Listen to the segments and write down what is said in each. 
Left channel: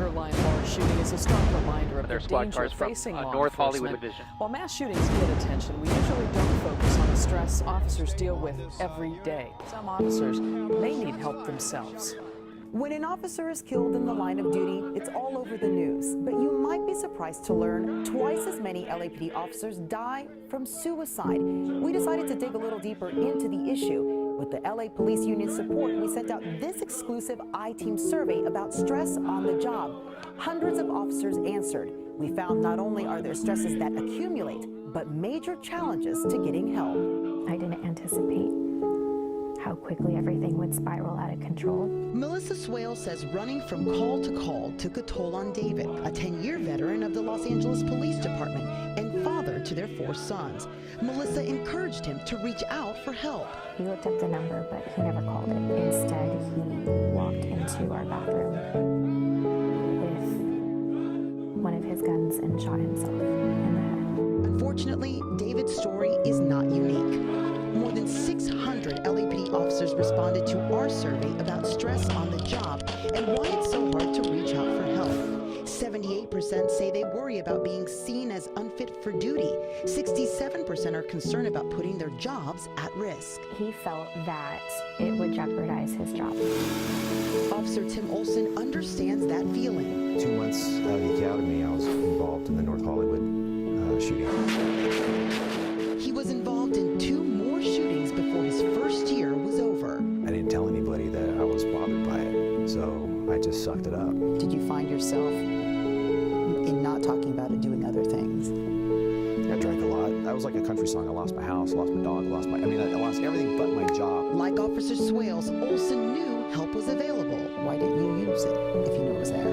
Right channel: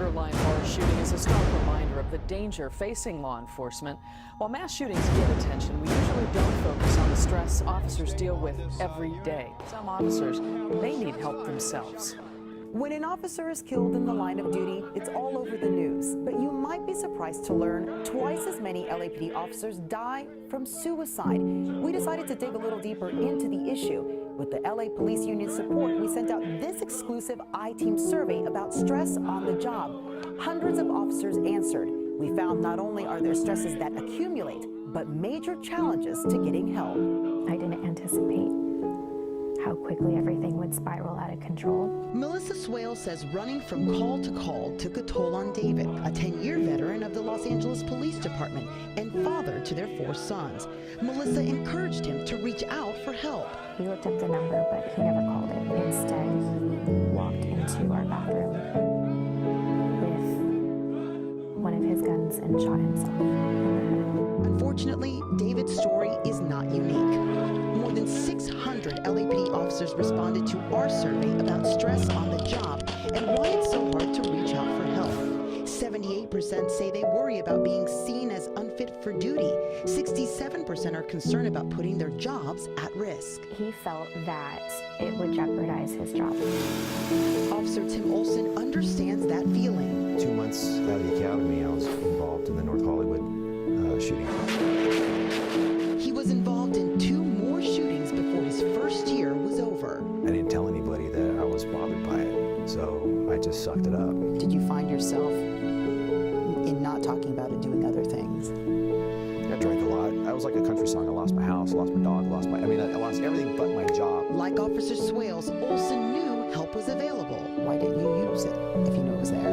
borderline bar shooting is a stark reminder of the danger facing law enforcement. While mass shootings get attention, we usually don't focus on the stress officers deal with every day. Some officers may need help themselves. When an officer is killed in the line of duty, it's all over the news. But you might be surprised to learn twice as many LAPD officers die from suicide. We decided to dig a little deeper into the issue. With the LA Police Union's support, we sent out this exclusive I-Team survey about stress on the job. Hundreds of officers answered. We found not only are there stresses that accumulate, but major challenges to getting help. I didn't anticipate how quickly everything would spiral out of control. Melissa Swale says running from call to call took a toll on David, a 10-year veteran of the Los Angeles Police Department and father to their 4 sons. Melissa encouraged him to reach out for help. He looked up the number, but he never called it. Instead, he walked into our bathroom with one of his guns and shot himself in the head. Unfortunately, David's story is not unique. More than 600 LAPD officers responded to our survey about stress on the job and why it's so hard to reach out for help. 78% say they worry about being seen as unfit for duty. 67% are concerned about putting their jobs at risk. He felt that it would jeopardize his job. Officer Tim Olson understands that feeling. 2 months out of the academy, I was involved in the North Hollywood shooting. He was involved in 2 more shootings before his first year was over. I didn't tell anybody that I was bothered by it, so I just sucked it up. Did you find yourself in not talking about it, doing other things? I drank a lot. I was like a country song. I lost my house, lost my dog, I lost everything but my job. Like Officer Swales, Olson knew help was available. Why didn't you use it if you knew it was there?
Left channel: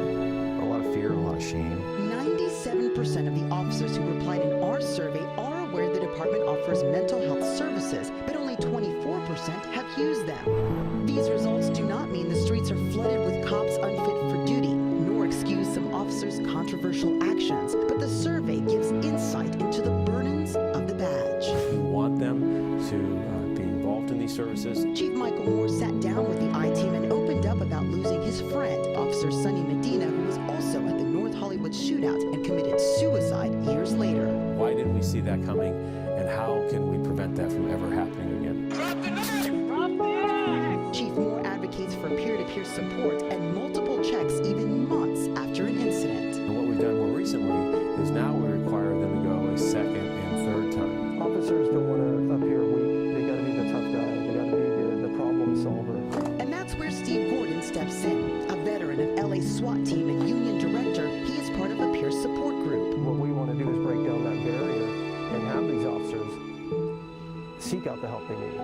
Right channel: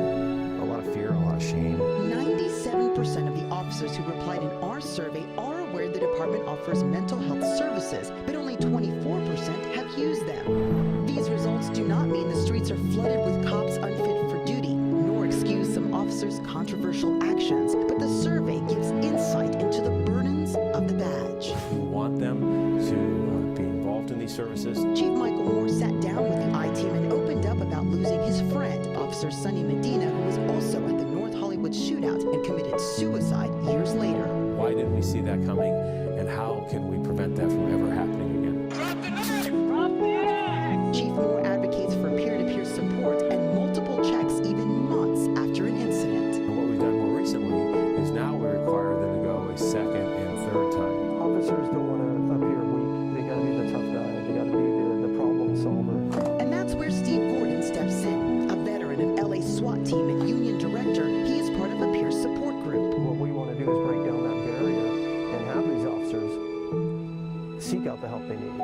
A lot of fear, a lot of shame. 97% of the officers who replied in our survey are aware the department offers mental health services, but only 24% have used them. These results do not mean the streets are flooded with cops unfit for duty, nor excuse some officers' controversial actions, but the survey gives insight into the burdens of the badge. We want them to be involved in these services. Chief Michael Moore sat down with the I-Team and opened up about losing his friend, Officer Sonny Medina, who was also at the North Hollywood shootout and committed suicide years later. Why didn't we see that coming, and how can we prevent that from ever happening again? Drop the knife! Drop the axe! Chief Moore advocates for peer-to-peer support and multiple checks even months after an incident. And what we've done more recently is now we require them to go a second and third time. Officers don't want to appear weak. They got to be the tough guy. They got to be the problem solver. And that's where Steve Gordon steps in. A veteran of LA SWAT team and union director, he is part of a peer support group. What we want to do is break down that barrier and have these officers seek out the help they need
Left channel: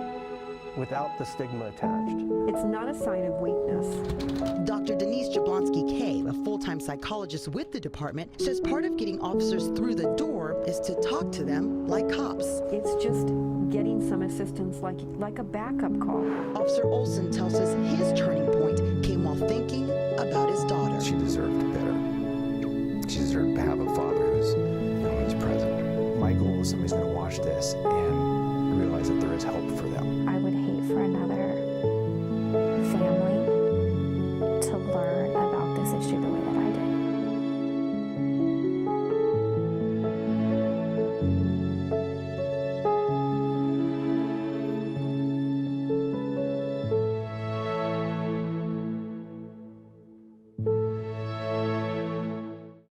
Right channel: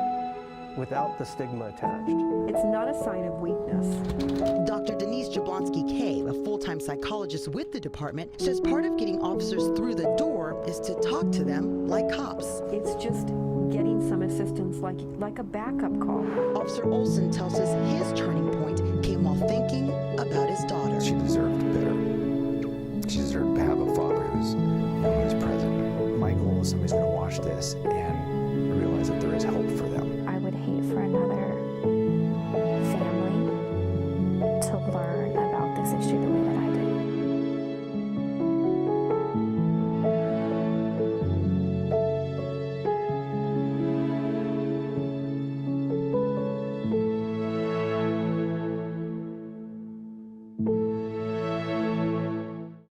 without the stigma attached. It's not a sign of weakness. Dr. Denise Jablonski-Kay, a full-time psychologist with the department, says part of getting officers through the door is to talk to them like cops. It's just getting some assistance like a backup call. Officer Olson tells us his turning point came while thinking about his daughter. She deserved better. She deserved to have a father who's present. My goal is somebody's going to watch this and realize that there is help for them. I would hate for another family to learn about this issue the way that I